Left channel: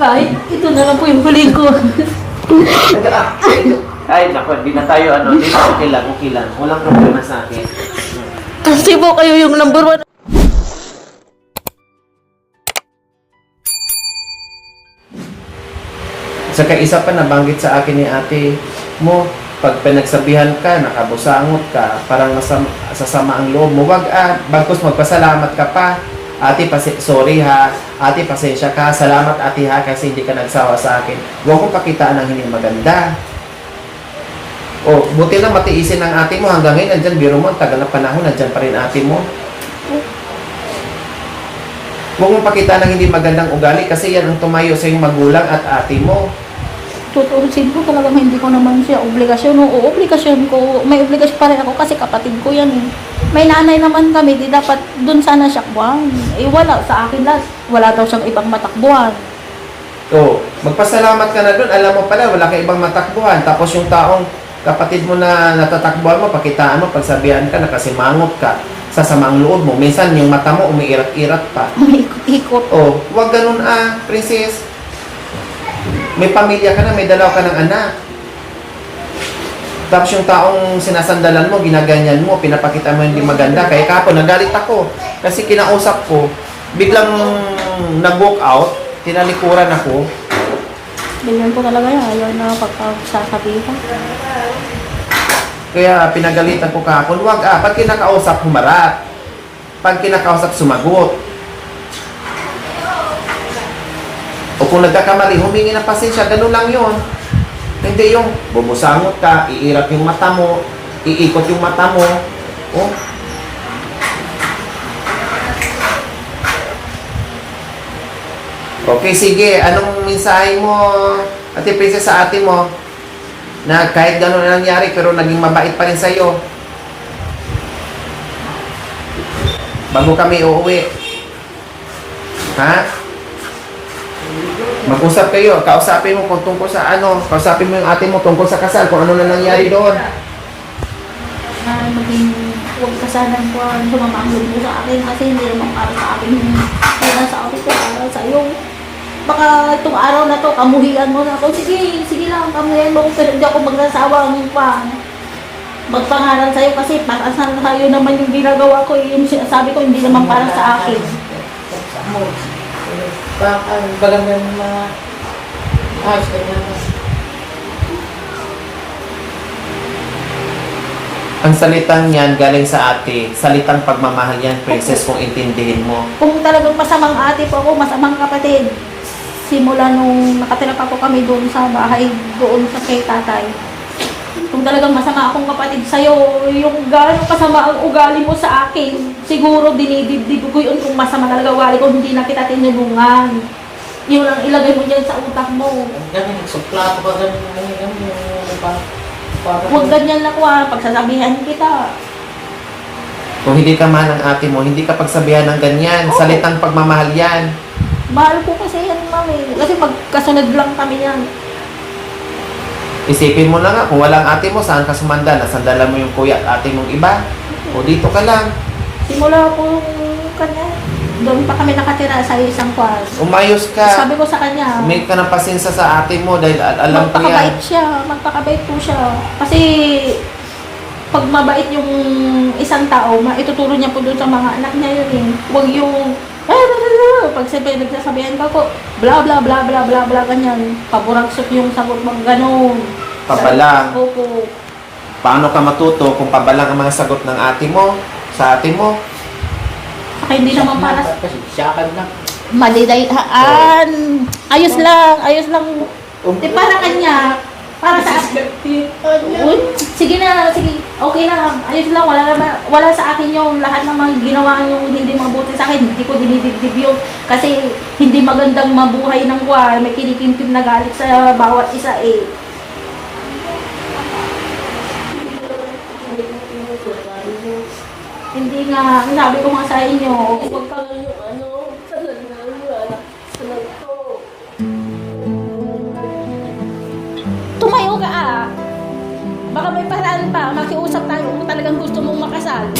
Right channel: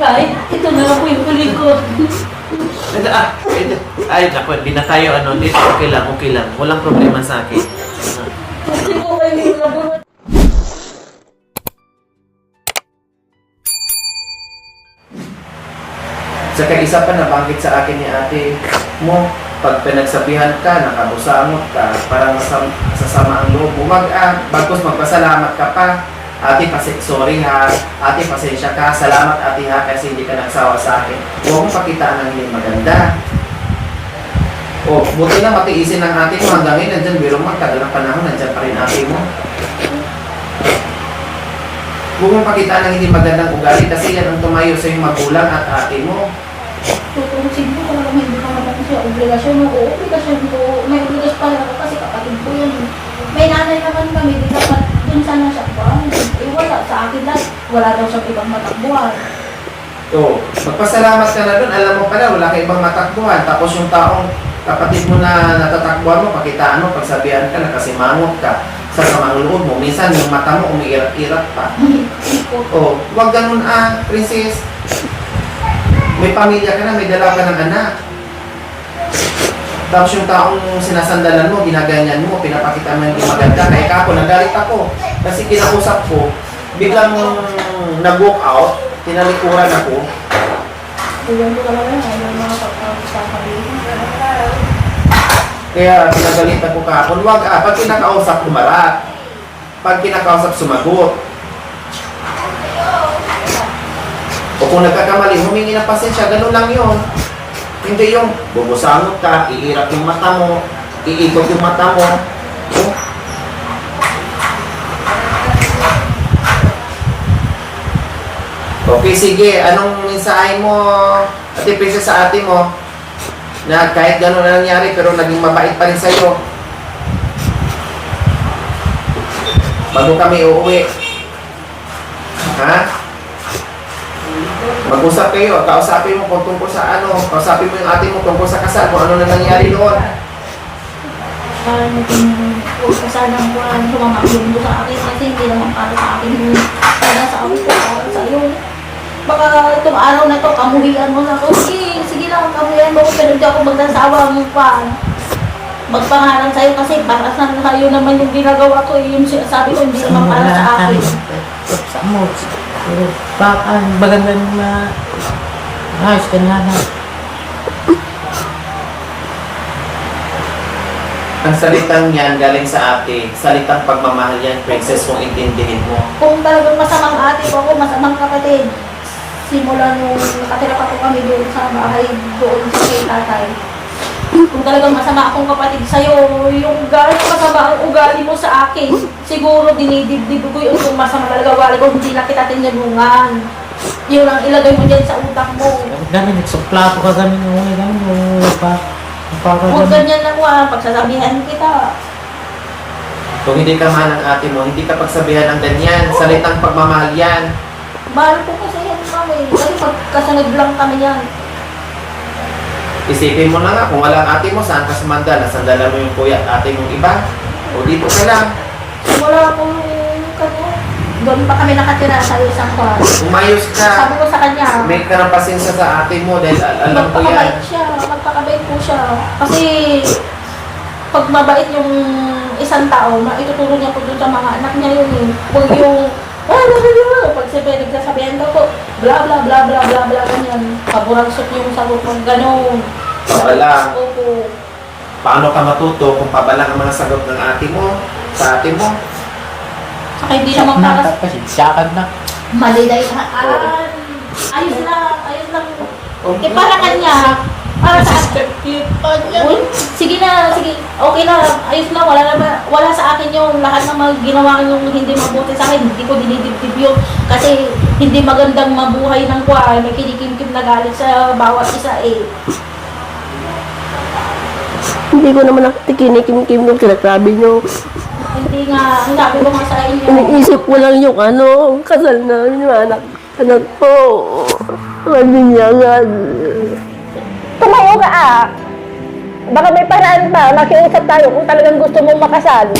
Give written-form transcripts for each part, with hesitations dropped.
Ay, ito na lang po yung huli ko. Ay, naku, di na tayo di, okay lang. Walang problema sa akin. Kasi po kayo yung number one. Saka isa pa nabanggit sa akin ni ate mo, pag pinagsabihan ka, nakabusangot ka, parang sasama ang loob mo. Wag bagkus magpasalamat ka pa. Ate, sorry ha. Ate, pasensya ka. Salamat ate ha kasi hindi ka nagsawa sa akin. Huwag mo pakitaan ng hindi maganda. Oh, buti na matiisin ng ate mo hanggang ngayon. Nandyan, biro mo, tagal ng panahon, nandyan pa rin ate mo. Huwag mo pakitaan ng hindi magandang ugali kasi yan ang tumayo sa iyong magulang at ate mo. Tuturusin ko talagang hindi ko naman siya obligasyon. Oo, obligasyon ko. May obligasyon pa rin ako kasi kapatid ko yan. May nanay naman kami, di dapat dun sana siya kuwang. Wala sa akin lang. Wala daw siyang ibang matakbuhan. So, magpasalamat ka na dun. Alam mo pala, wala kang ibang matakbuhan. Tapos yung taong kapatid mo na natatakbuhan mo, pakitaan mo, pagsabihan ka, nakasimangot ka sa samang loob mo. Minsan yung mata mo umiirat-irat pa. Umiikot-ikot. Oh, wag ganun princess. May pamilya ka na, may dalawa ka ng anak. Tapos yung taong sinasandalan mo, ginaganyan mo, pinapakita mo hindi maganda. Kaya kako, nagalit ako. Kasi kinausap ko, biglang nag-walk out, tinalikuran ako. Bigyan ko talaga yan. Ayaw na pagsasabihin. Kaya pinagalitan ko kahapon, wag pag kinakausap, humarap. Pag kinakausap, sumagot. O kung nagkakamali, humingi ng pasensya, ganun lang yun. Hindi yung bubusangot ka, iirap yung mata mo, iikot yung mata mo. Okay, sige. Anong mensahe mo, Ate Princess, sa ate mo? Na kahit gano'n na nangyari, pero naging mabait pa rin sa'yo. Bago kami uuwi. Ha? Mag-usap kayo, kausapin mo kung tungkol sa kausapin mo yung ate mo tungkol sa kasal, kung ano na nangyari noon. Para maging kasalan ko ang sumamagulong mo sa akin kasi hindi naman para sa akin yung sinasabi ko para sa iyo. Baka itong araw na to, kamuhian mo na ako. Sige lang, kamuhian mo. Pero hindi ako magnasawa mo pa. Magpangalan sa'yo kasi baka sa'yo naman yung ginagawa ko. Yung sinasabi ko, hindi naman para sa akin. Sa mo. Baka maganda na ayos ka na. Ang salitang yan galing sa ate, salitang pagmamahal yan, princess, kung intindihin mo. Kung talagang masamang ate po ako, masamang kapatid. Simula nung nakatira pa po kami doon sa bahay, doon sa kay tatay. Kung talagang masama akong kapatid sa'yo, yung gano'n masama ang ugali mo sa akin, siguro dinidibdib ko yun kung masama talaga ugali ko, hindi na kita tinulungan. Yun ang ilagay mo dyan sa utak mo. Dami nagsuplato ka ganun mo pa. Huwag ganyan na ko pagsasabihan kita. Kung hindi ka mahal ng ate mo, hindi ka pagsabihan ng ganyan, salitang pagmamahal yan. Mahal ko kasi yan kami, kasi pagkasunod lang kami yan. Isipin mo na nga, kung walang ate mo, saan ka sumanda? Nasandalan mo yung kuya at ate mong iba? O dito ka lang. Wala akong kanya. Doon pa kami nakatira sa isang kwarto. Umayos ka. Sabi ko sa kanya, May ka ng pasensya sa ate mo dahil alam ko yan. magpakabait po siya. Kasi pag mabait yung isang tao, ituturo niya po doon sa mga anak niya yun eh. Huwag yung, pag nagsasabihan ka po, bla bla bla bla bla bla ganyan. Paburagsot yung sagot mo, gano'n. Pabalang. Opo. Paano ka matuto kung pabalang ang mga sagot ng ate mo, sa ate mo? Saka hindi naman para sa Siyakan na. malidayan. Ayos lang. Di para kanya, para sa akin. Uy, sige na, sige. Okay na, ayos lang. Wala sa akin yung lahat ng mga ginawa yung hindi mabuti sa akin. Hindi ko dinidibdib yung kasi hindi magandang mabuhay ng kwa. May kinikimkim na galit sa bawat isa eh. Hindi ko naman nakikinikim-kim yung sinasabi nyo. Hindi nga, ang sabi ko nga sa inyo. Iniisip ko lang yung kasal na yung anak ko. Malinyangan. Tumayo ka Baka may paraan pa, makiusap tayo kung talagang gusto mong makasal.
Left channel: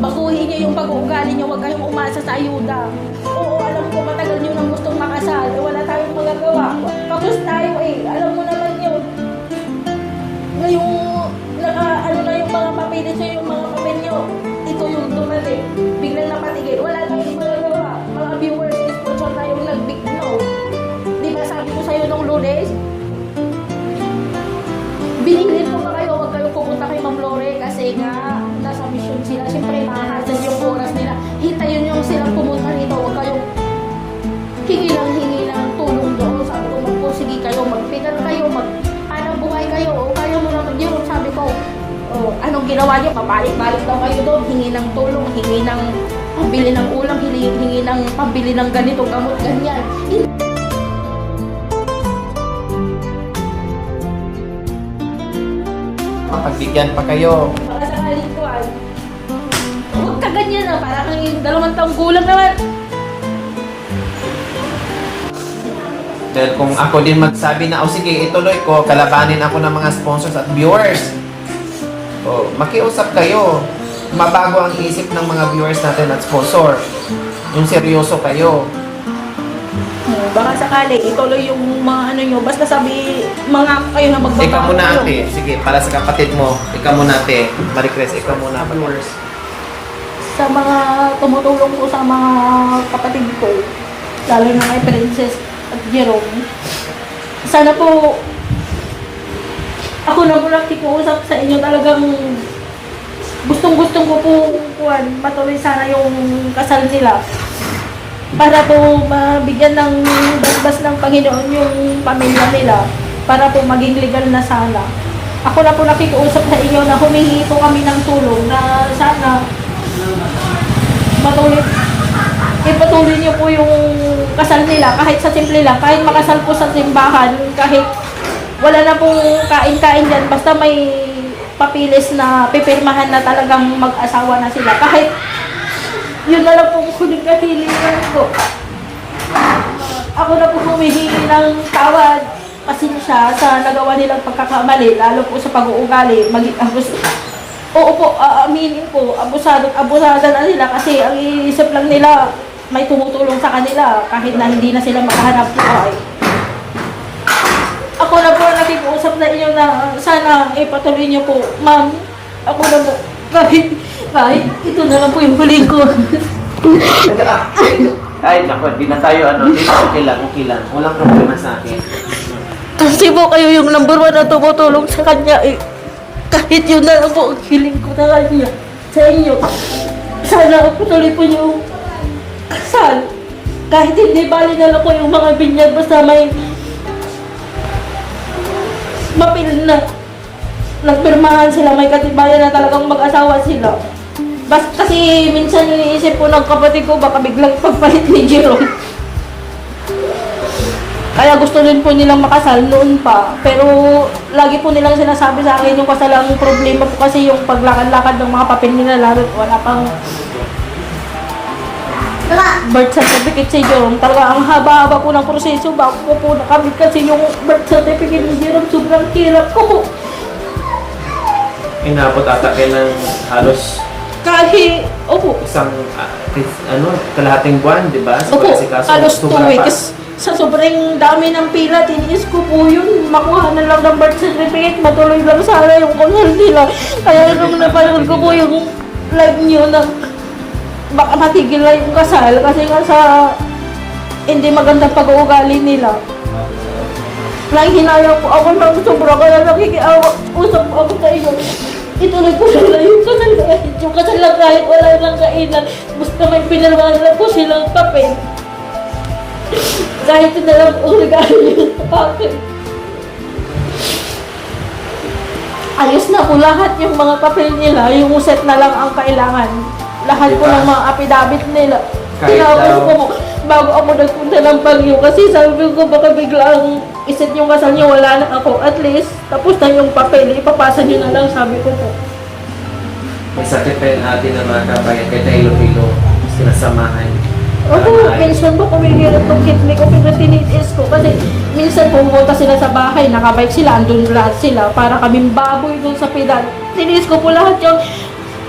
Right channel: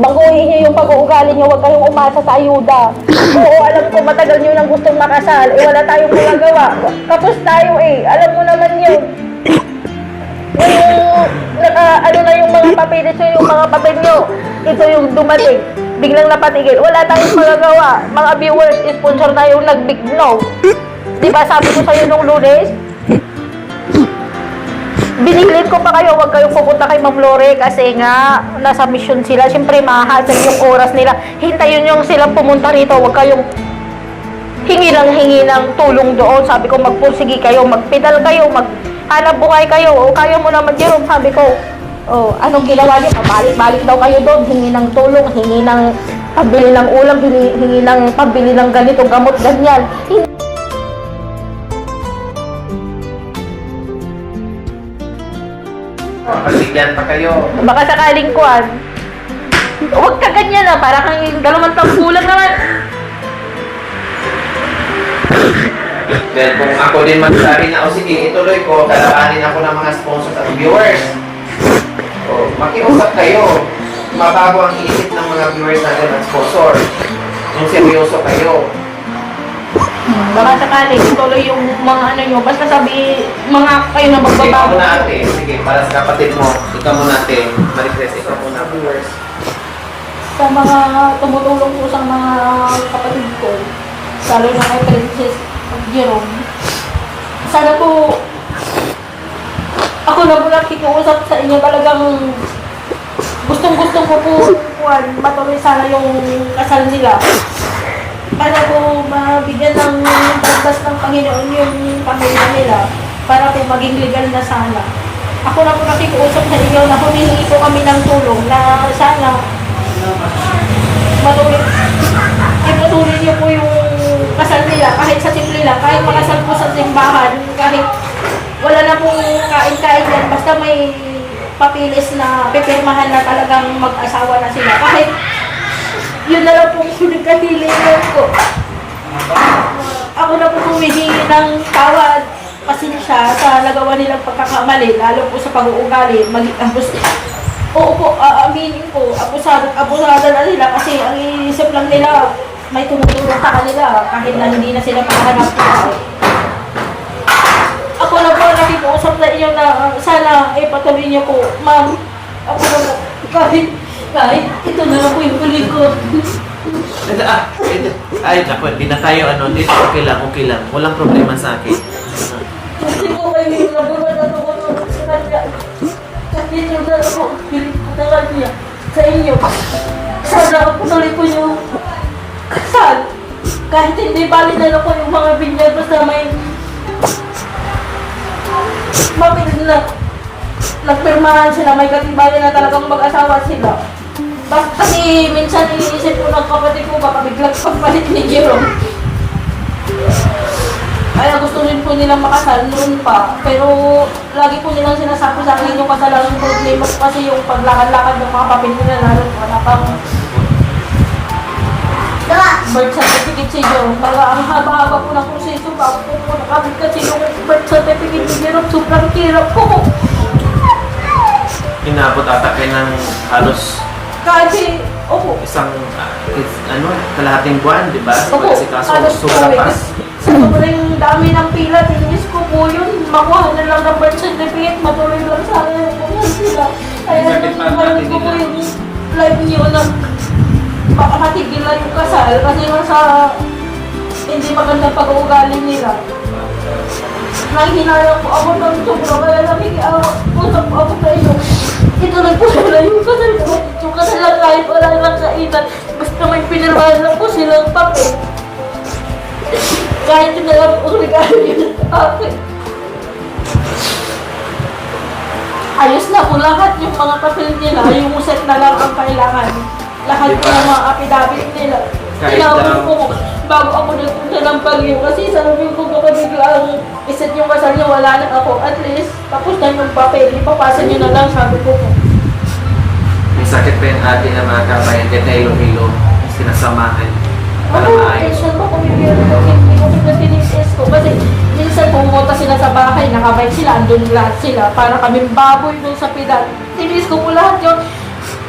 baguhin niyo yung pag-uugali niyo, huwag kayong umasa sa ayuda. Oo, alam ko matagal niyo nang gustong makasal, wala tayong magagawa. Kapos tayo alam mo naman yun. Ano na yung mga papeles nyo, yung mga papel nyo, ito yung dumating, biglang napatigil, wala tayong magagawa. Mga viewers, sponsor na yung nag-big no. Diba sabi ko sa'yo nung Lunes? Biniglit ko pa kayo, huwag kayong pupunta kay Ma'am Lore kasi nga nasa mission sila. Siyempre mahasag yung oras nila. Hintayin yung silang pumunta rito, huwag kayong hingi ng tulong doon. Sabi ko magpursigi kayo, magpedal kayo, maghanap buhay kayo. O kaya mo naman Jerome, sabi ko, anong ginawa niyo? Pabalik-balik daw kayo doon, hingi ng tulong, hingi ng pabili ng ulam, hingi ng pabili ng ganito, gamot, ganyan. Pagbigyan pa kayo. Baka sakaling kuwan. Huwag ka ganyan para kang 2 taong gulang naman. Well, kung ako din magsabi na, sige, ituloy ko, kalabanin ako ng mga sponsors at viewers. Makiusap kayo. Mabago ang isip ng mga viewers natin at sponsor. Yung seryoso kayo. Baka sakaling ituloy yung mga ano nyo. Basta sabi, mga kayo na Ikaw magbabago. muna ate. Sige, para sa kapatid mo. Ikaw muna ate. Ma-request ikaw muna viewers. Sa mga tumutulong po sa mga kapatid ko, lalo na kay Princess Jerome, sana po ako na po nakikiusap sa inyo, talagang gustong-gusto ko po patuloy sana yung kasal nila para po mabigyan ng basbas ng Panginoon yung pamilya nila para po maging legal na sana. Ako na po nakikiusap sa inyo na humingi po kami ng tulong na sana ipatuloy niyo po yung kasal nila kahit sa temple lang, kahit makasal po sa simbahan, kahit wala na pong kain-kain dyan, basta may papilis na pipirmahan na talagang mag-asawa na sila. Kahit yun na lang po nagkahilingan ko. Ako na po humihingi ng tawad, pasensya sa nagawa nilang pagkakamali, lalo po sa pag-uugali, maging abos. Oo po, aaminin ko, abusada na nila kasi ang iisip lang nila may tumutulong sa kanila kahit na hindi na sila makahanap buhay. Ako na po nakikiusap na inyo na sana ipatuloy niyo po, ma'am. Ako na po, kahit ito na lang po yung huli ko. Ay, di na tayo okay lang. Walang problema sa akin. Kasi po kayo yung number 1 na tumutulong sa kanya kahit yun na lang po ang hiling ko na kanya sa inyo. Sana patuloy po yung kasal. Kahit hindi pa rin na lang po yung mga binyag, basta may mapil na nagpirmahan sila, may katibayan na talagang mag-asawa sila. Kasi minsan iniisip po ng kapatid ko, baka biglang pagpalit ni Jerome. Kaya gusto rin po nilang makasal noon pa. Pero lagi po nilang sinasabi sa akin yung kasalang problema kasi yung paglakad-lakad ng mga papel nila, lalo wala pang birth certificate si Jerome. Talaga ang haba-haba po ng proseso bago ko po nakamit kasi yung birth certificate ni Jerome sobrang hirap po. Inabot ata kayo ng halos Kasi, isang kalahating buwan, di ba? Kasi kaso halos 2 sobra pa. weeks. Sa sobrang dami ng pila, tinis ko po yun. Makuha na lang ng birth certificate, matuloy lang sana yung kunyal nila. Kaya nung napanood ko po yung live nyo na baka matigil lang yung kasal kasi nga sa hindi magandang pag-uugali nila. Nanghinala po ako ng sobra kaya nakikiusap po ako sa inyo. Ituloy po sila yung kasal yung kasal lang kahit wala lang kainan. Basta may pinirmahan lang po silang papel. Kahit ito na lang ang regalo niyo sa akin. Ayos na po lahat yung mga papel nila, yung set na lang ang kailangan. Lahat po ng mga affidavit nila. Tinapos ko bago ako nagpunta ng Baguio kasi sabi ko baka biglang iset yung kasal niyo, wala na ako. At least, tapos na yung papel, ipapasa niyo na lang, sabi ko po. May sakit pa yung ate na mga kabayan, kaya ilo-ilo, sinasamahan. Okay, minsan po kumigil ko, kitli ko pinatinisis ko. Kasi minsan pumunta sila sa bahay, nakabay sila, andun lahat sila, para kaming baboy dun sa pilar. Tinis ko po lahat yung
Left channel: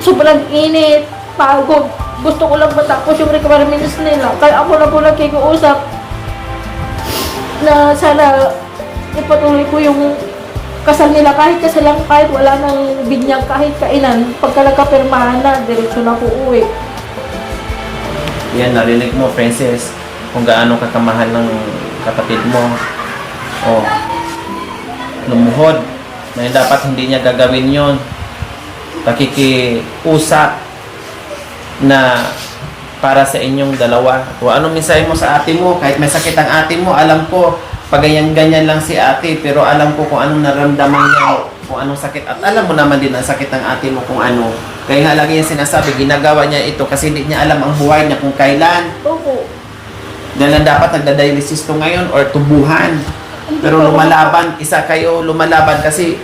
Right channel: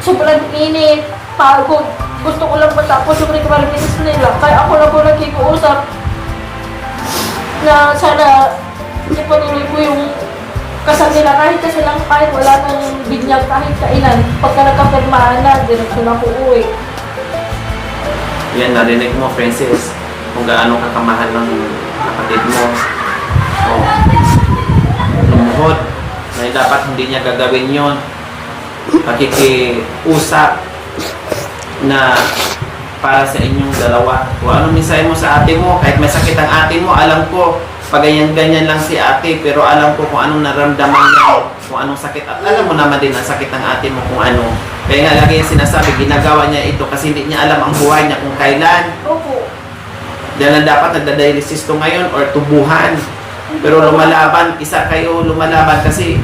sobrang init. pagod. Gusto ko lang matapos yung requirements nila. Kaya ako na po nakikiusap na sana ipatuloy po yung kasal nila kahit wala nang binyag kahit kailan. Pagka nagkapirmahan na, diretso na po uwi. Yan, narinig mo, Princess, kung gaano kakamahal ng kapatid mo. O, lumuhod, na dapat hindi niya gagawin yon. Pakikiusap na para sa inyong dalawa. Kung anong mensahe mo sa ate mo, kahit may sakit ang ate mo, alam ko, pag ganyan lang si ate, pero alam ko kung anong naramdaman niya, kung anong sakit. At alam mo naman din ang sakit ng ate mo kung ano. Kaya nga lagi yung sinasabi, ginagawa niya ito kasi hindi niya alam ang buhay niya kung kailan. Opo. Yan ang dapat nagdadialysis to ngayon or tubuhan. Pero lumalaban, isa kayo lumalaban kasi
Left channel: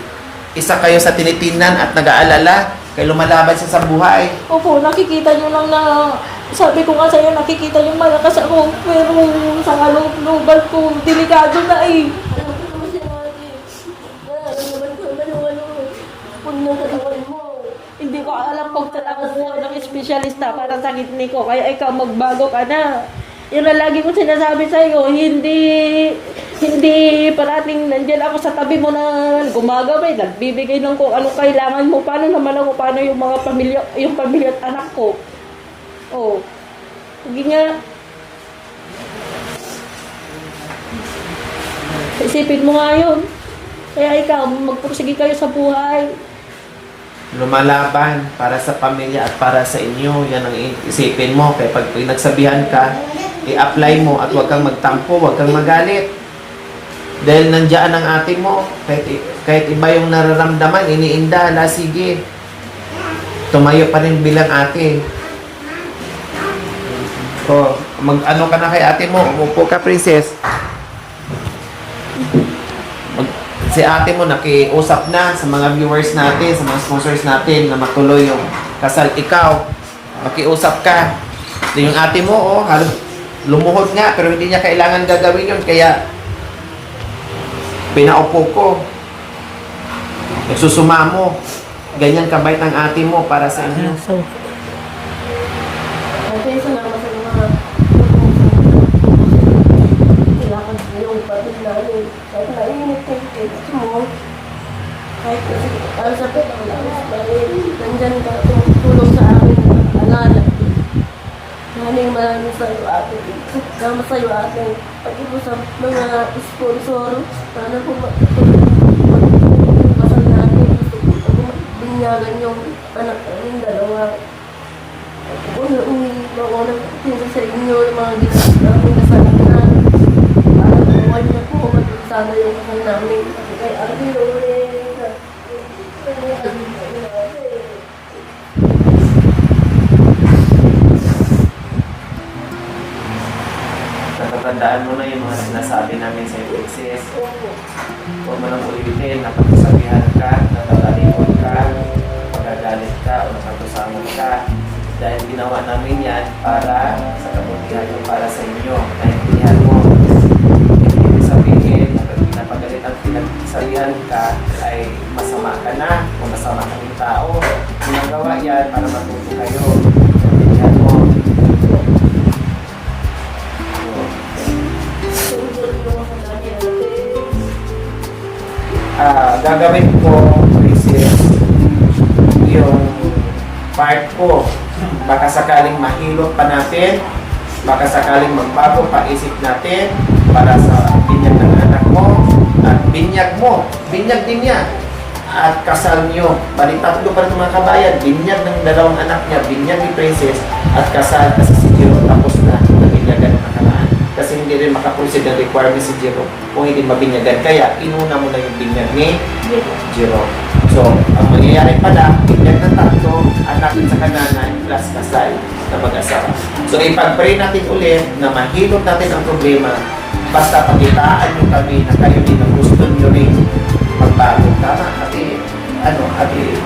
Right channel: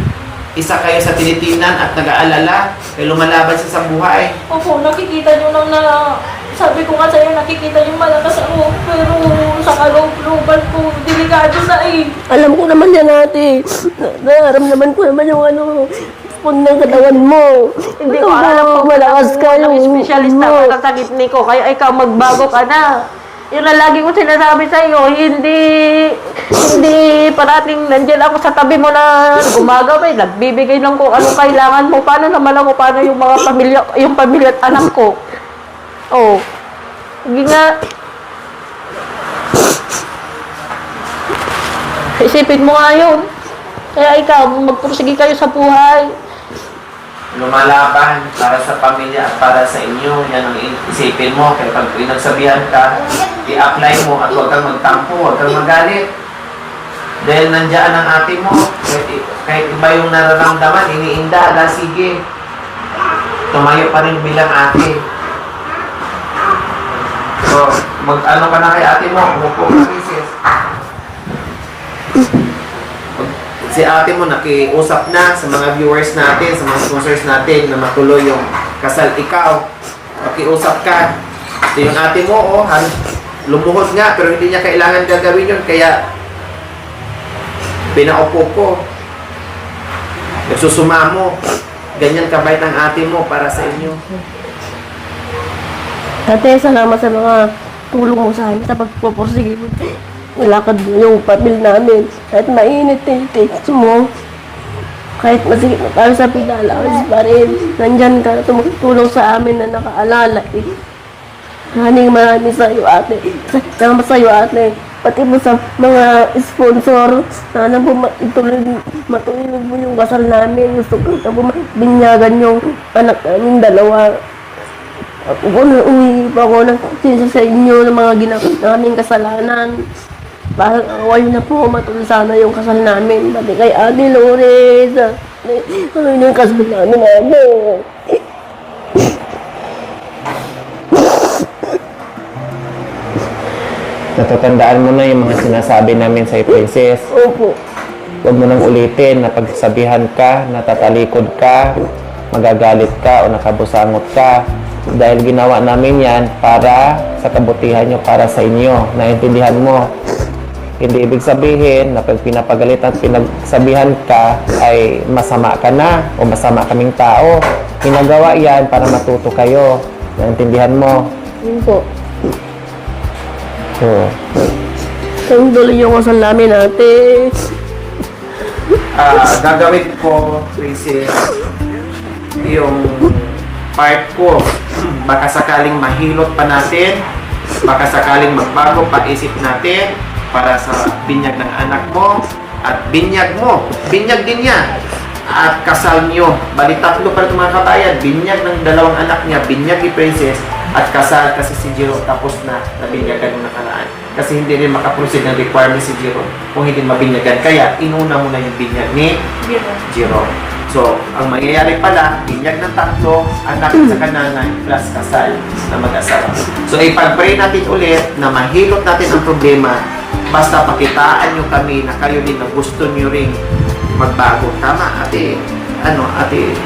isa kayo sa tinitingnan at nag-aalala. Kaya lumalaban siya sa buhay. Opo, nakikita nyo lang na, sabi ko nga sa'yo, nakikita nyo malakas ako, pero sa kalooban ko, delikado na eh. Alam ko naman yan, ate. Naramdaman ko naman yung pag ng katawan mo. Hindi ko alam kung malakas ka yung specialista mo. ka sa sakit ni ko, kaya ikaw magbago ka na. Yun na lagi ko sinasabi sa'yo, hindi parating nandiyan ako sa tabi mo na gumagawin, nagbibigay lang kung ano kailangan mo. Paano naman ako, paano yung mga pamilya at anak ko. Oh, hindi nga. Isipin mo nga yun. Kaya ikaw, magpursige kayo sa buhay. Lumalaban para sa pamilya at para sa inyo. Yan ang isipin mo. Kaya pag pinagsabihan ka, i-apply mo at huwag kang magtampo, huwag kang magalit. Dahil nandiyan ang ate mo. Kahit iba yung nararamdaman, iniinda, sige. Tumayo pa rin bilang ate. So, mag-ano ka na kay ate mo, upo ka, Princess. Si ate mo nakiusap na sa mga viewers natin, sa mga sponsors natin na matuloy yung kasal. Ikaw, makiusap ka. Yung ate mo, lumuhod nga, pero hindi niya kailangan gagawin yun. Kaya, pinaupo ko. Nagsusuma mo. Ganyan kabait ang ate mo para sa inyo. Ate, salamat sa mga tulong mo sa amin sa pagpupursige. Nalakad yung pamil namin. Kahit mainit yung text mo. Kahit masikip na tayo sa pinalakas pa rin. Nandyan ka, tumutulong sa amin na nakaalala. Maraming sa iyo, ate. Salamat sa iyo, ate. Pati mo sa mga sponsor. Sana po matuloy yung kasal namin. Gusto ko po binyagan yung anak namin dalawa. Kung uwi pa ako ng sinsa sa inyo ng mga ginawa naming kasalanan. Para awal na po, matuloy sana yung kasal namin. Pati kay Ate Lores. Ano yung kasal namin, ate? Natatandaan mo na yung mga sinasabi namin sa Princess. Opo. Huwag mo nang ulitin na pagsasabihan ka, natatalikod ka, magagalit ka o nakabusangot ka. Dahil ginawa namin yan para sa kabutihan nyo, para sa inyo. Naintindihan mo. Hindi ibig sabihin na pag pinapagalit at pinagsabihan ka ay masama ka na o masama kaming tao. Ginagawa yan para matuto kayo. Naintindihan mo. Opo. So, Tuloy yung kasal namin, ate. gagawin ko, Princess, yung part ko. Baka sakaling mahilot pa natin, baka sakaling magbago pa isip natin para sa binyag ng anak mo at binyag mo. Binyag din niya. At kasal niyo. Balitan ko para mga kabayan. Binyag ng dalawang anak niya. Binyag ni Princess. At kasal kasi si Jiro tapos na. Nabinyagan mo na kalaan. Kasi hindi rin makaproceed ng requirement si Jiro kung hindi mabinyagan. Kaya inuna mo na yung binyag ni Jiro. So, ang mangyayari pala, binyag ng tatlo at tapos sa kananay plus kasal na mag-asawa. So, ipag-pray natin ulit na mahilot natin ang problema. Basta pakitaan nyo kami na kayo din ang gusto nyo rin magbago. Tama, ate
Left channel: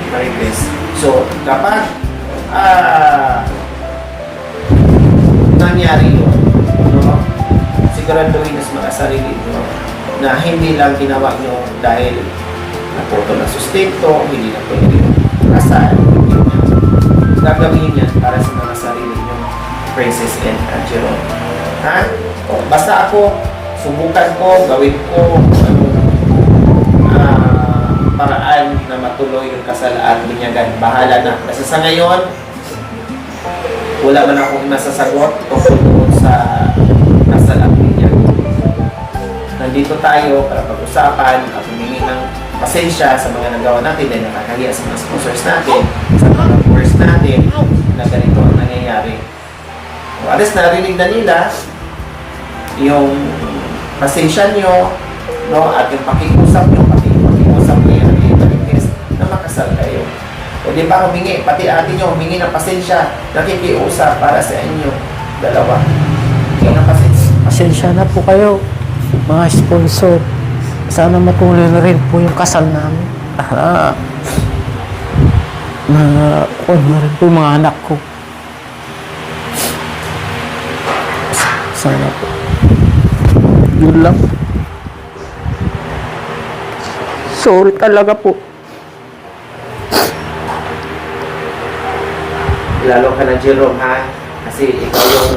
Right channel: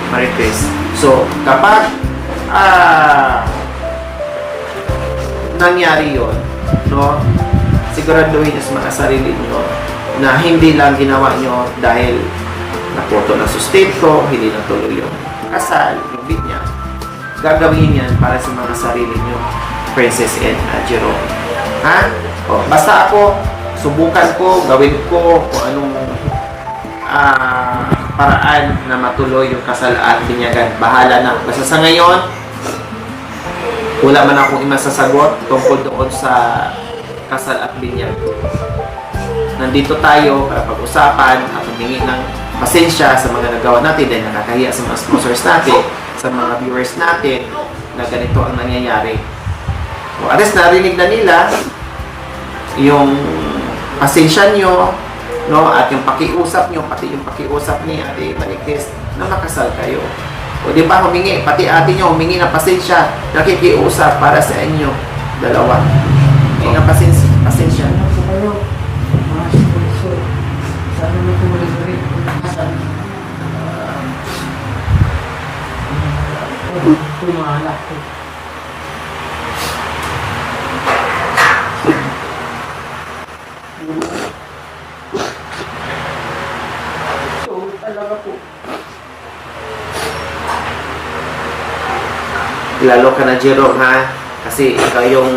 Marie Chris. So, kapag nangyari yun, no, siguraduhin nyo sa mga sarili nyo na hindi lang ginawa nyo dahil nakuto ng sustento, hindi lang tuloy yung kasal, hindi niya. gagawin yan para sa mga sarili nyo, Princess and Jerome. Ha? O, basta ako, subukan ko, gawin ko kung anong paraan na matuloy yung kasal at binyagan. Bahala na. Basta sa ngayon, wala man akong masasagot tungkol doon sa kasal at binyagan. Nandito tayo para pag-usapan at humingi ng pasensya sa mga nagawa natin dahil nakakahiya sa mga sponsors natin, sa mga viewers natin, na ganito ang nangyayari. O at least narinig na nila yung pasensya nyo, no, at yung pakiusap nyo, pati yung pakiusap ni Ate Malignes, nakakasal kayo. O di ba, humingi, pati ate nyo, humingi ng pasensya, nakikiusap para sa inyo, dalawa. Humingi ng pasensya. Pasensya na po kayo, mga sponsor. Sana matuloy na rin po yung kasal namin. Po mga anak ko. Sana po. Yun lang. Sorry talaga po. Lalo ka na, Jerome, ha? Kasi ikaw yung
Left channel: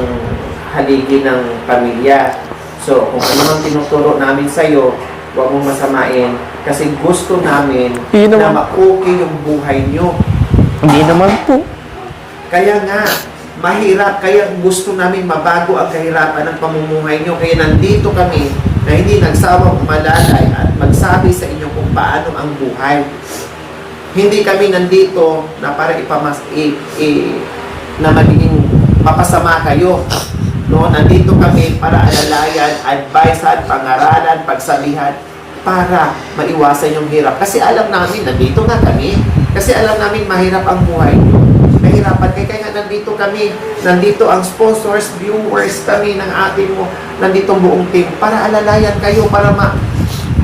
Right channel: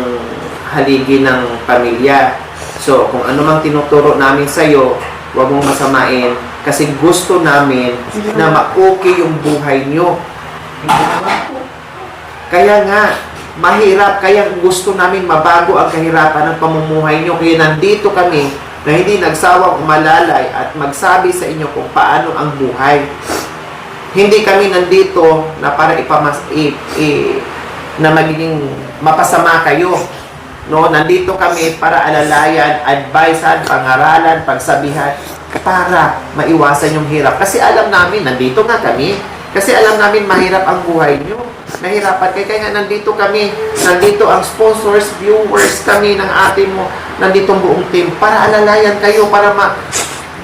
haligi ng pamilya. So, kung ano mang tinuturo namin sa'yo, huwag mong masamain. Kasi gusto namin Hindi na naman. ma-okay yung buhay nyo. Hindi naman po. Kaya nga, mahirap. Kaya gusto namin mabago ang kahirapan ng pamumuhay nyo. Kaya nandito kami na hindi nagsawang umalalay at magsabi sa inyo kung paano ang buhay. Hindi kami nandito na para na magiging mapasama kayo. No, nandito kami para alalayan, advisean, pangaralan, pagsabihan para maiwasan yung hirap. Kasi alam namin, nandito nga kami. Kasi alam namin mahirap ang buhay nyo. Nahirapan kayo. Kaya nga nandito kami. Nandito ang sponsors, viewers kami ng ate mo. Nandito ang buong team para alalayan kayo, para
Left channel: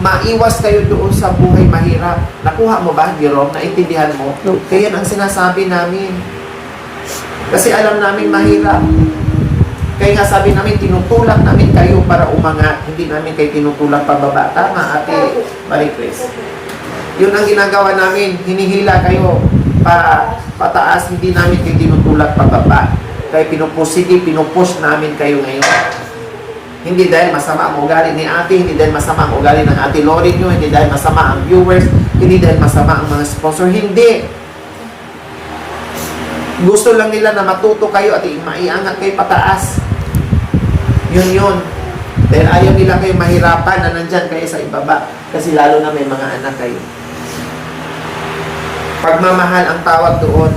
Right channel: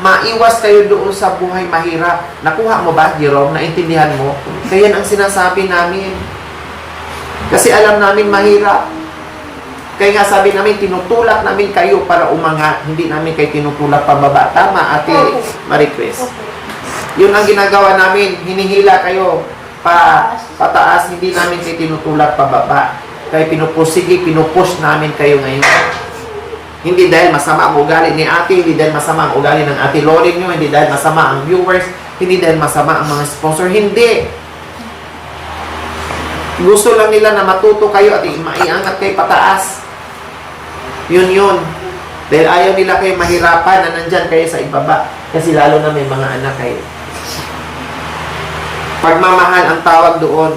maiwas kayo doon sa buhay mahirap. Nakuha mo ba, Jerome? Naintindihan mo? Kaya yan ang sinasabi namin. Kasi alam namin mahirap. Kaya nga sabi namin, tinutulak namin kayo para umangat. Hindi namin kayo tinutulak pababa. Tama, Ate Maricris. Yun ang ginagawa namin. Hinihila kayo pataas. Hindi namin kayo tinutulak pababa. Kaya pinupush namin kayo ngayon. Hindi dahil masama ang ugali ni ate, hindi dahil masama ang ugali ng ate Lori nyo, hindi dahil masama ang viewers, hindi dahil masama ang mga sponsor. Hindi. Gusto lang nila na matuto kayo at maiangat kayo pataas. Yun. Dahil ayaw nila kayo mahirapan na nandyan kayo sa ibaba. Kasi lalo na may mga anak kayo. Pagmamahal ang tawag doon.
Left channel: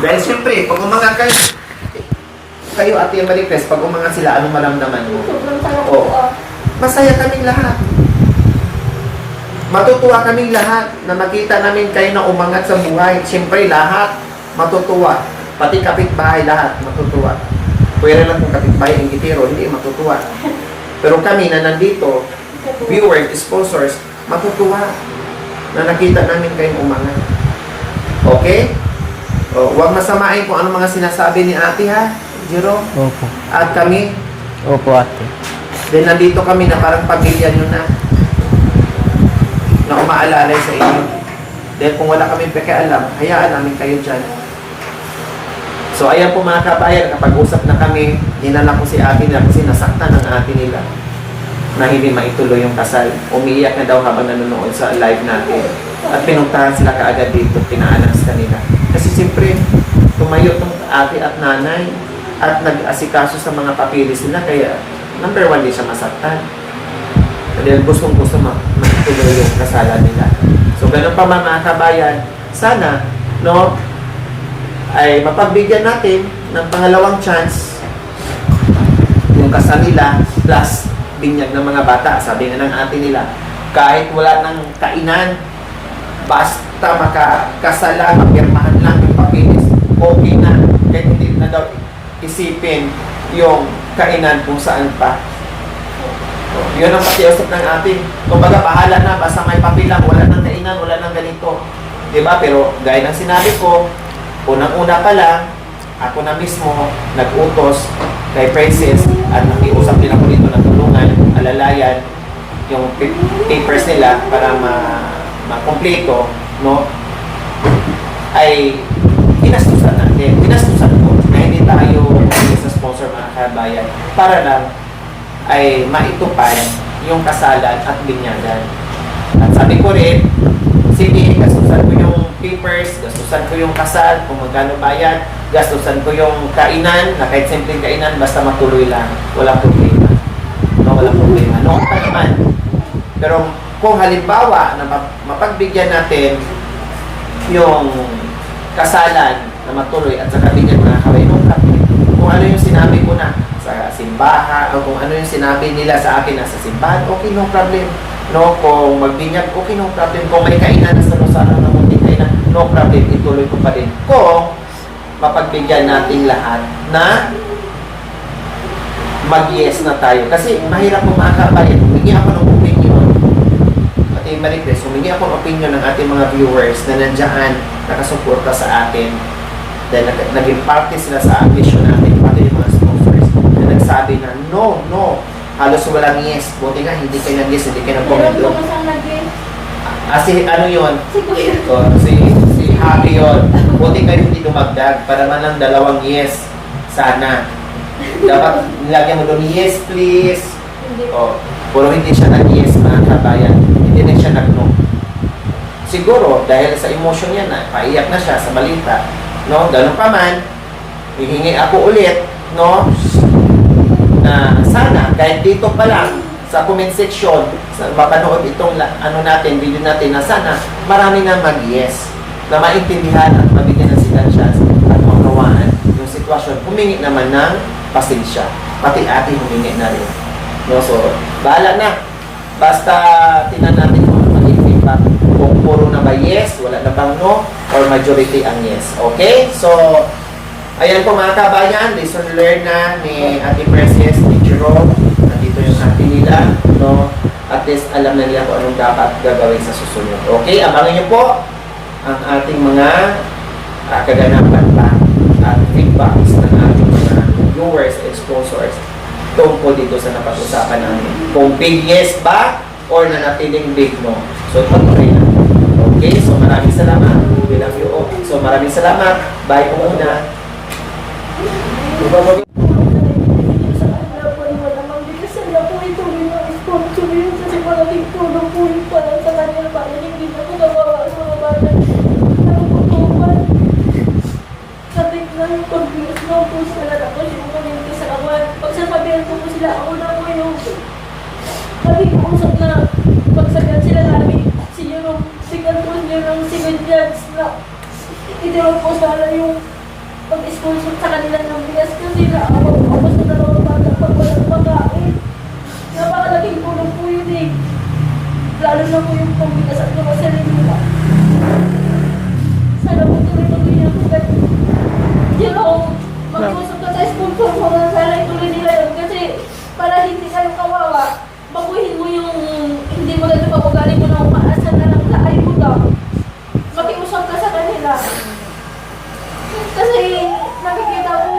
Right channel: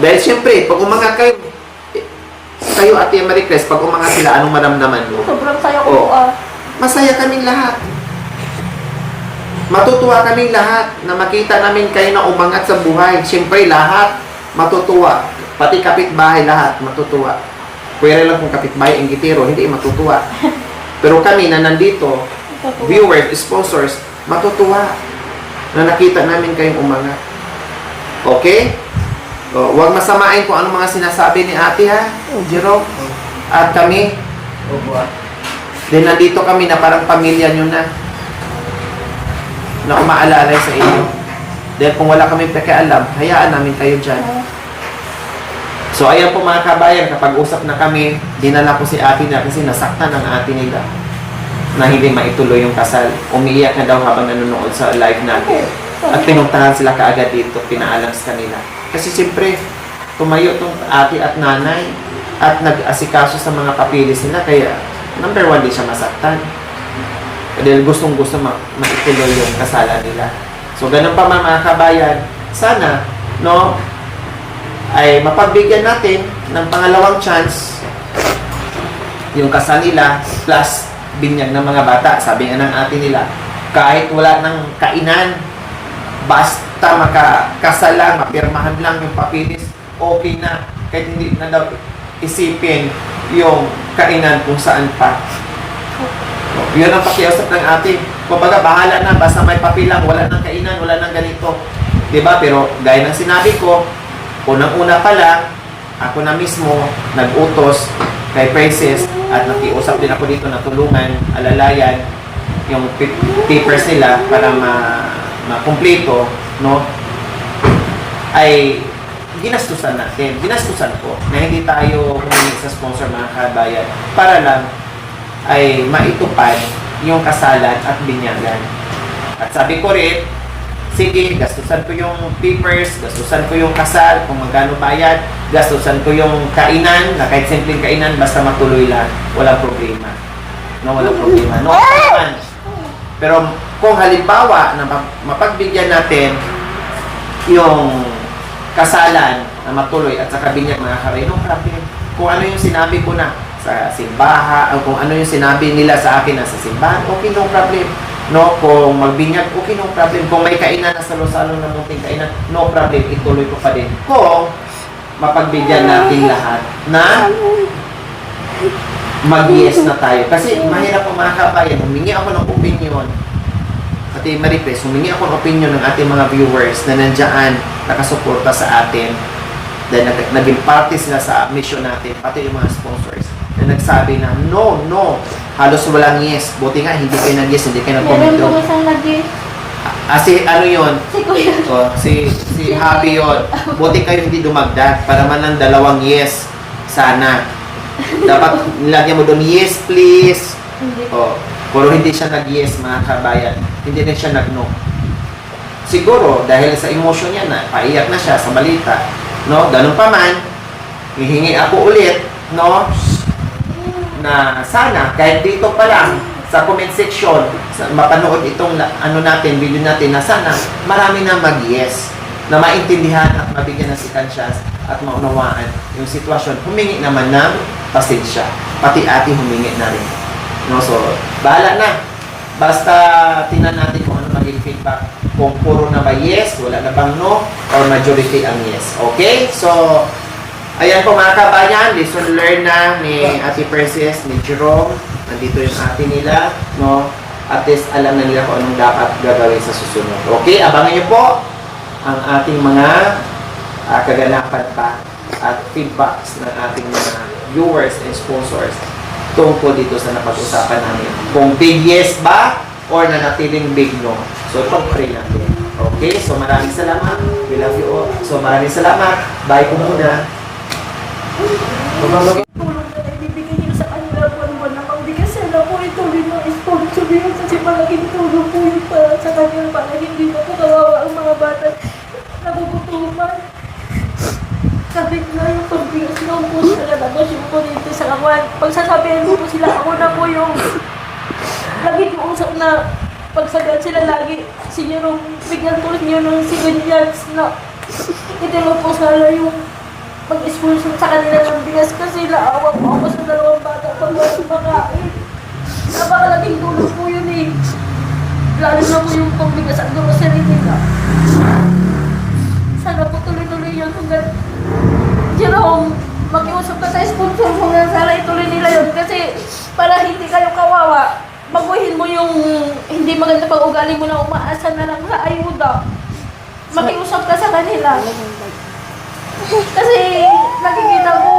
Dahil siyempre, pag umangat kayo Ate Maricris, pag umangat sila, anong maramdaman mo? Sobrang saya ko Oo. po. Masaya kaming lahat. Matutuwa kaming lahat na makita namin kayo na umangat sa buhay. Siyempre, lahat matutuwa. Pati kapitbahay, lahat matutuwa. Pwede lang kung kapitbahay ang itiro, hindi matutuwa. Pero kami na nandito, viewers, sponsors, matutuwa na nakita namin kayong umangat. Okay? Huwag masamain kung ano mga sinasabi ni ate, ha, Jerome? Opo. At kami, Opo, ate. then nandito kami na parang pamilya nyo na umaalalay sa inyo. Dahil kung wala kami pakialam, hayaan namin kayo dyan. So ayan po mga kabayan, kapag usap na kami, dinala ko si ate na kasi nasaktan ng ate nila na hindi maituloy yung kasal. Umiiyak na daw habang nanonood sa live natin. At pinuntahan sila kaagad dito, pinaalam sa kanila. Kasi siyempre, tumayo itong ate at nanay at nag-asikaso sa mga papilis nila, kaya number 1 din siya masaktan. Dahil gustong-gusto maituloy yung kasalan nila. So ganun pa mga kabayan, sana, no, ay mapagbigyan natin ng pangalawang chance yung kasal nila plus binyag ng mga bata. Sabi nga ng ate nila, kahit wala ng kainan, basta makakasal lang, mapirmahan lang yung papilis, okay na. Kahit hindi na daw isipin yung kainan kung saan pa. So, yun ang pakiusap ng atin. Kumbaga, bahala na, basta may papilang, wala nang kainan, wala nang ganito. Diba? Pero, gaya ng sinabi ko, unang-una pa lang, ako na mismo nag-utos kay Princess at nakiusap din ako dito na tulungan, alalayan yung papers nila para ma-kompleto, no, ay ginastusan natin. Ginastusan ko na hindi tayo sa sponsor mga kabayan para lang ay maitupad yung kasalan at binyagan. At sabi ko rin, sige, gastusan ko yung papers, gastusan ko yung kasal, kung magkano bayad, gastusan ko yung kainan, na kahit simpleng kainan, basta matuloy lang, walang problema. No, walang problema. No, naman. Pero kung halimbawa na mapagbigyan natin yung kasalan na matuloy at saka binyan mga kabay, no problem. Kung ano yung sinabi ko na sa simbaha o kung ano yung sinabi nila sa akin na sa simbahan, okay, no problem. No, kung magbinyag, okay, no problem. Kung may kainan na sa Rosano na munting kainan, no problem, ituloy ko pa din. Kung mapagbigyan natin lahat na mag-yes na tayo. Kasi mahirap po mga kabayan, humingi ako ng opinion. Ate Maricres, humingi ako ng opinion ng ating mga viewers na nandiyan, nakasuporta sa atin. Dahil naging parte sila sa vision natin, pati yung mga sponsors na nagsabi na no, halos walang yes. Buti nga, hindi kayo nag-yes, hindi kayo Meron nag-comment. po isang nag-yes. Si ano yun? Si Kuya. Si Happy yun. Buti kayo hindi dumagdag para man ng 2 yes. Sana. Dapat nilagyan mo doon, yes please. Hindi. Pero hindi siya nag-yes mga kabayan. Hindi na siya nag-no. Siguro, dahil sa emotion niya na, paiyak na siya sa balita. No, ganun pa man, hihingi ako ulit, no, na sana, kahit dito pa lang, sa comment section, mapanood itong video natin na sana, marami na mag-yes, na maintindihan at mabigyan ng sila chance at maunawaan yung sitwasyon. Humingi naman ng pasensya, pati ating humingi na rin. No, so, bahala na. Basta tingnan natin kung ano magiging feedback. Kung puro na ba yes, wala na bang no, or majority ang yes. Okay? So, ayan po mga kabayan, lesson learned na ni Ate Princess, ni Chiro. Nandito yung ate nila. No? At least alam na nila kung anong dapat gagawin sa susunod. Okay? Abangan niyo po ang ating mga kaganapan pa at feedbacks ng ating mga viewers and sponsors tungkol dito sa napag-usapan namin. Kung big yes ba or nanatiling big no. So, pag-uray na. Okay, so maraming salamat. We love you all. So, maraming salamat. Bye po muna. Sa kanila po, wala mang bigas sila po ituloy ng sponsor yun kasi malaking tulong po yun para sa kanila para hindi na po kawawa ang mga bata na puputuman. Sabit na yung pagbigas ng po sila tapos yung kuryente sa kawan. Pagsasabihan po sila, ako na po yung lagi usap na pagsabihan sila lagi sinyo bigyan po niyo ng civilians na itinong po sila yung pag-sponsor sa kanila ng bigas kasi naawag po ako sa dalawang bata pag walang makain. Napakalaking tulong po yun eh. Lalo na po yung pagbigas at grocery nila. Sana po tuloy-tuloy yun. Jerome, mag-iusap ka sa sponsor mo na sana ituloy nila yun kasi para hindi kayo kawawa, baguhin mo yung hindi maganda pag-ugali mo na umaasa na lang sa ayuda. Makiusap ka sa kanila. Kasi nakikita ko,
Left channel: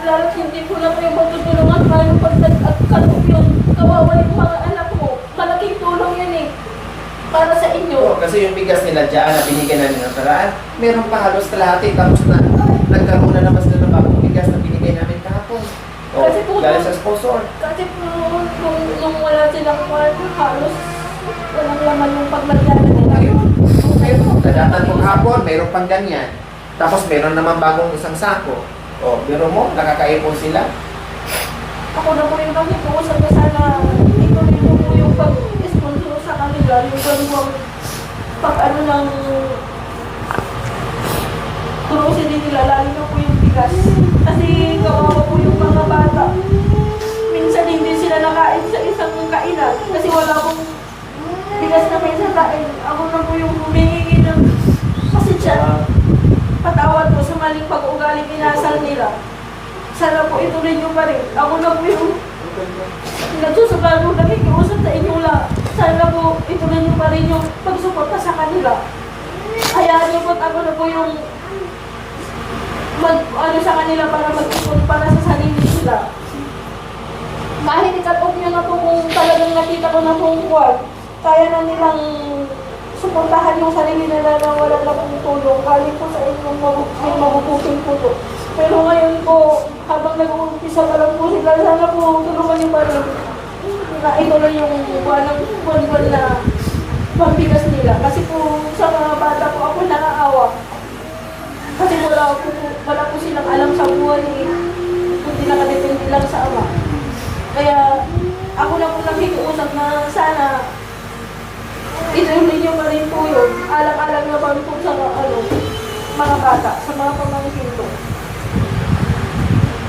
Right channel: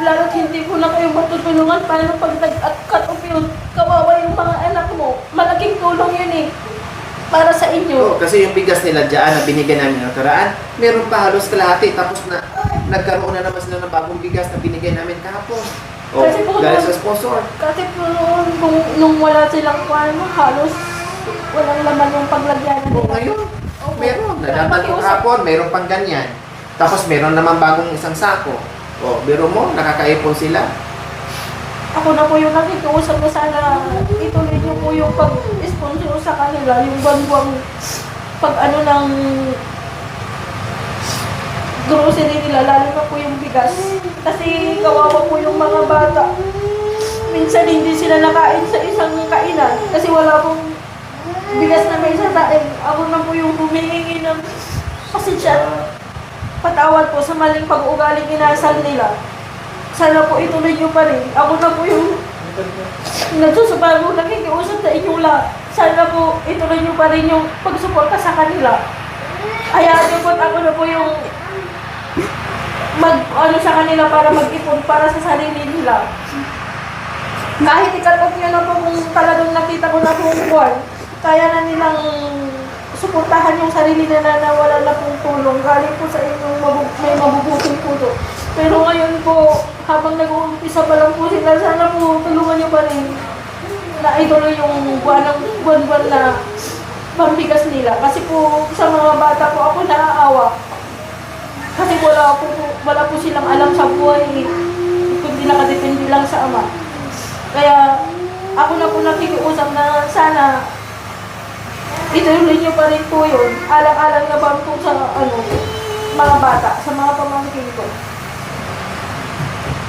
lalo't hindi ko na kayo matutulungan paano pag nag-cut off yun, kawawa yung mga anak mo. Malaking tulong yun eh, para sa inyo. Kasi yung bigas nila dyan na binigyan namin ng karaan, meron pa halos kalahati tapos na nagkaroon na naman sila ng bagong bigas na binigay namin kahapon. Kasi po, dahil sa sponsor. kasi po noon, nung wala silang kwan, halos walang laman yung paglagyan Kung nila. ngayon, meron. Nanatanong hapon, mayroon pang ganyan. Tapos meron naman bagong isang sako. Pero mo, nakakaipon sila. Ako na po yung nakikiusap na sana ituloy niyo po yung pag-sponsor sa kanila, yung bagwang pag ano ng grocery nila, lalo na po yung bigas. Kasi kawawa po yung mga bata. Minsan hindi sila nakain sa isang kainan kasi wala pong bigas na may sa tae. Ako na po yung humihingi ng pasensya. Patawad po sa maling pag-ugaling inasal nila. Sana po ituloy niyo pa rin. Ako na po yung nagsusubago, nakikiusap sa inyo lang. Sana po ituloy niyo pa rin yung pagsuporta sa kanila. Hayaan niyo po ako na po yung sa kanila para mag-ipon para sa sarili nila. Kahit ikatok nyo na po kung talagang nakita ko na po kaya na nilang suportahan yung sarili nila na wala lang tulong. Galing po sa inyo, may mabubuting tulong. Pero ngayon po, habang nag-uumpisa pa lang po sila, sana po tulungan niyo pa rin na ituloy yung buwan na pambigas nila. Kasi po sa mga bata po ako naaawa. Kasi wala po silang alam sa buhay eh. Kundi nakadepende lang sa ama. Kaya ako na po nakikiusap na sana ituloy niyo pa rin po yun. Alang-alang na pa po sa mga bata, sa mga pamangkin ko.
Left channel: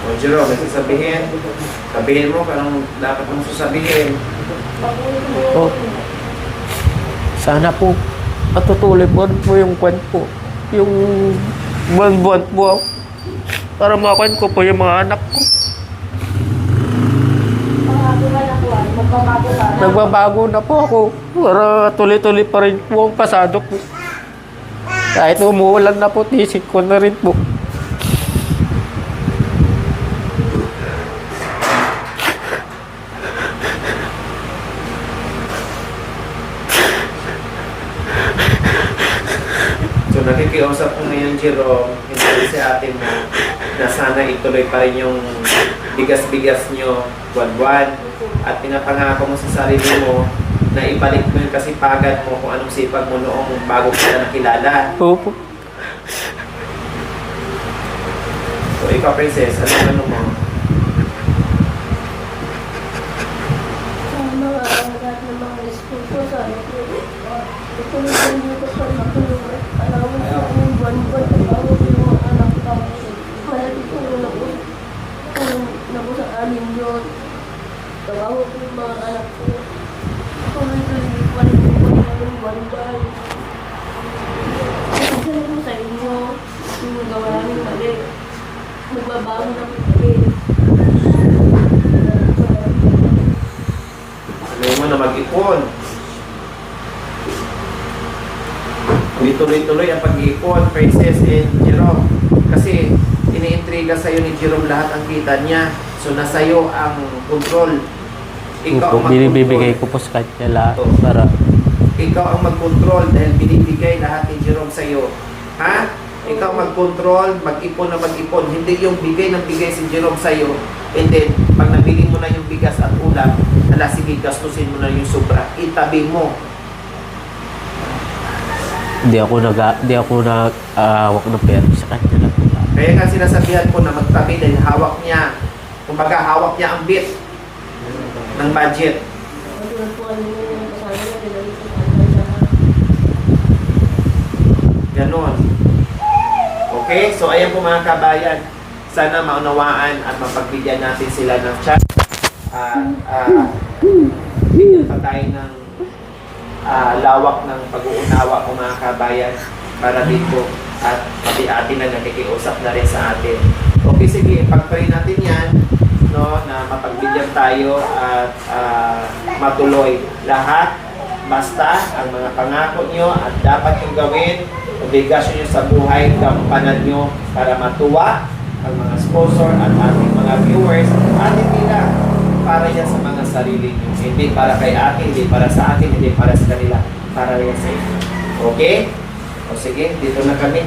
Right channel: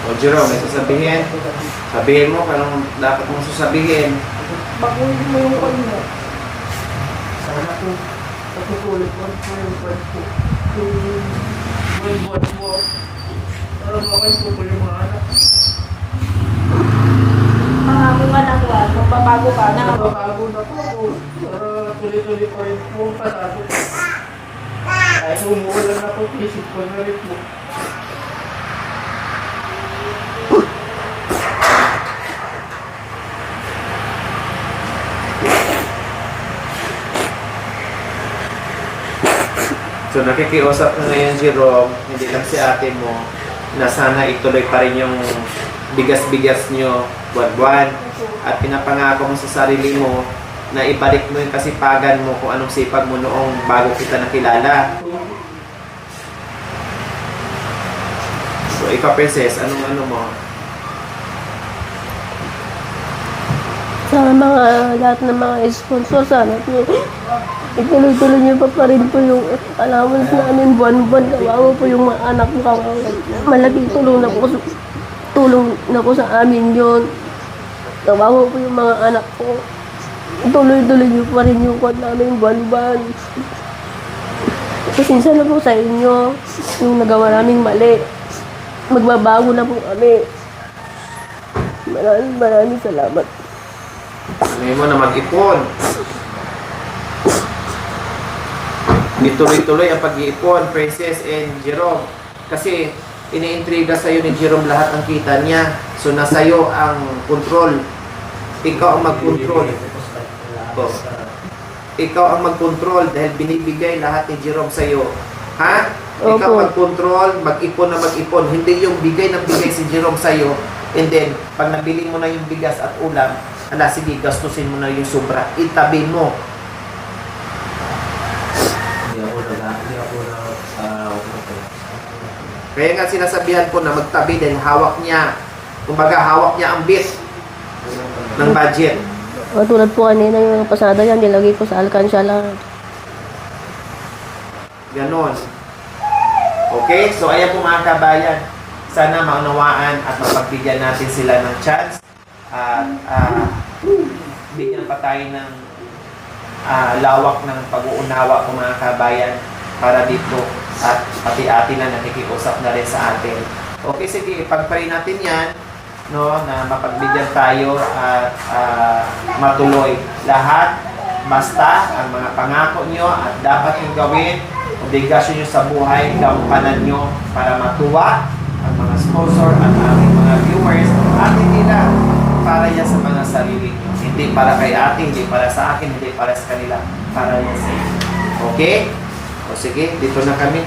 O Jero, may sasabihin. Sabihin mo kung anong dapat mong sasabihin. Sana po patutuloy po yung kwan po. Yung buwan-buwan po. Para makakit ko po yung mga anak ko. Pangako ka na kuwan, magbabago ka na. Nagbabago na po ako. Para tuloy-tuloy pa rin po ang pasado ko. Kahit umuulan na po, tisip ko na rin po. So nakikiusap na ngayon, Jerome, hindi si ate mo, na sana ituloy pa rin yung bigas-bigas nyo buwan-buwan. At pinapangako mo sa sarili mo na ibalik mo yung kasipagan mo kung anong sipag mo noong bago sila nakilala. Opo. So ikaw, Princess, ano mo? Sa mga lahat ng mga sponsor, sana po ituloy-tuloy niyo pa rin po yung allowance namin buwan-buwan. Kawawa po yung mga anak ko, kawawa. Malaking tulong na po sa amin yun. Kawawa po yung mga anak ko. Tuloy-tuloy niyo pa rin yung kwan namin buwan-buwan. Minsan na po sa inyo yung nagawa naming mali. Magbabago na po kami. Maraming salamat. Sabi mo na mag-ipon. Tuloy-tuloy ang pag-iipon, Princess and Jerome. Kasi iniintriga sa'yo ni Jerome lahat ang kita niya. So nasa'yo ang control. Ikaw ang Binibigay mag-control. ko po sa kanila. Oh. Sarap. Ikaw ang mag-control dahil binibigay lahat ni Jerome sa'yo. Ha? Ikaw Opo. mag-control, mag-ipon na mag-ipon. Hindi yung bigay ng bigay si Jerome sa'yo. And then, pag nabili mo na yung bigas at ulam, sige, gastusin mo na yung sobra. Itabi mo. Hindi ako nag-aawak ng pera sa kanila. Kaya nga sinasabihan ko na magtabi dahil hawak niya. Kumbaga, hawak niya ang bit ng budget. Tulad po kanina yung pasada yan, nilagay ko sa alkansya lang. Ganon. Okay? So, ayan po mga kabayan. Sana maunawaan at mapagbigyan natin sila ng chance. Bigyan pa tayo ng lawak ng pag-uunawa ko mga kabayan para dito at pati atin na nakikiusap na rin sa atin. Okay, sige, pag-pray natin yan, no, na mapagbigyan tayo at matuloy lahat. Basta ang mga pangako nyo at dapat yung gawin, obligasyon nyo sa buhay, gampanan nyo para matuwa ang mga sponsor at ang mga viewers. Atin nila para yan sa mga sarili nyo. Hindi para kay atin, hindi para sa akin, hindi para sa kanila. Para yan sa inyo. Okay? O sige, dito na kami.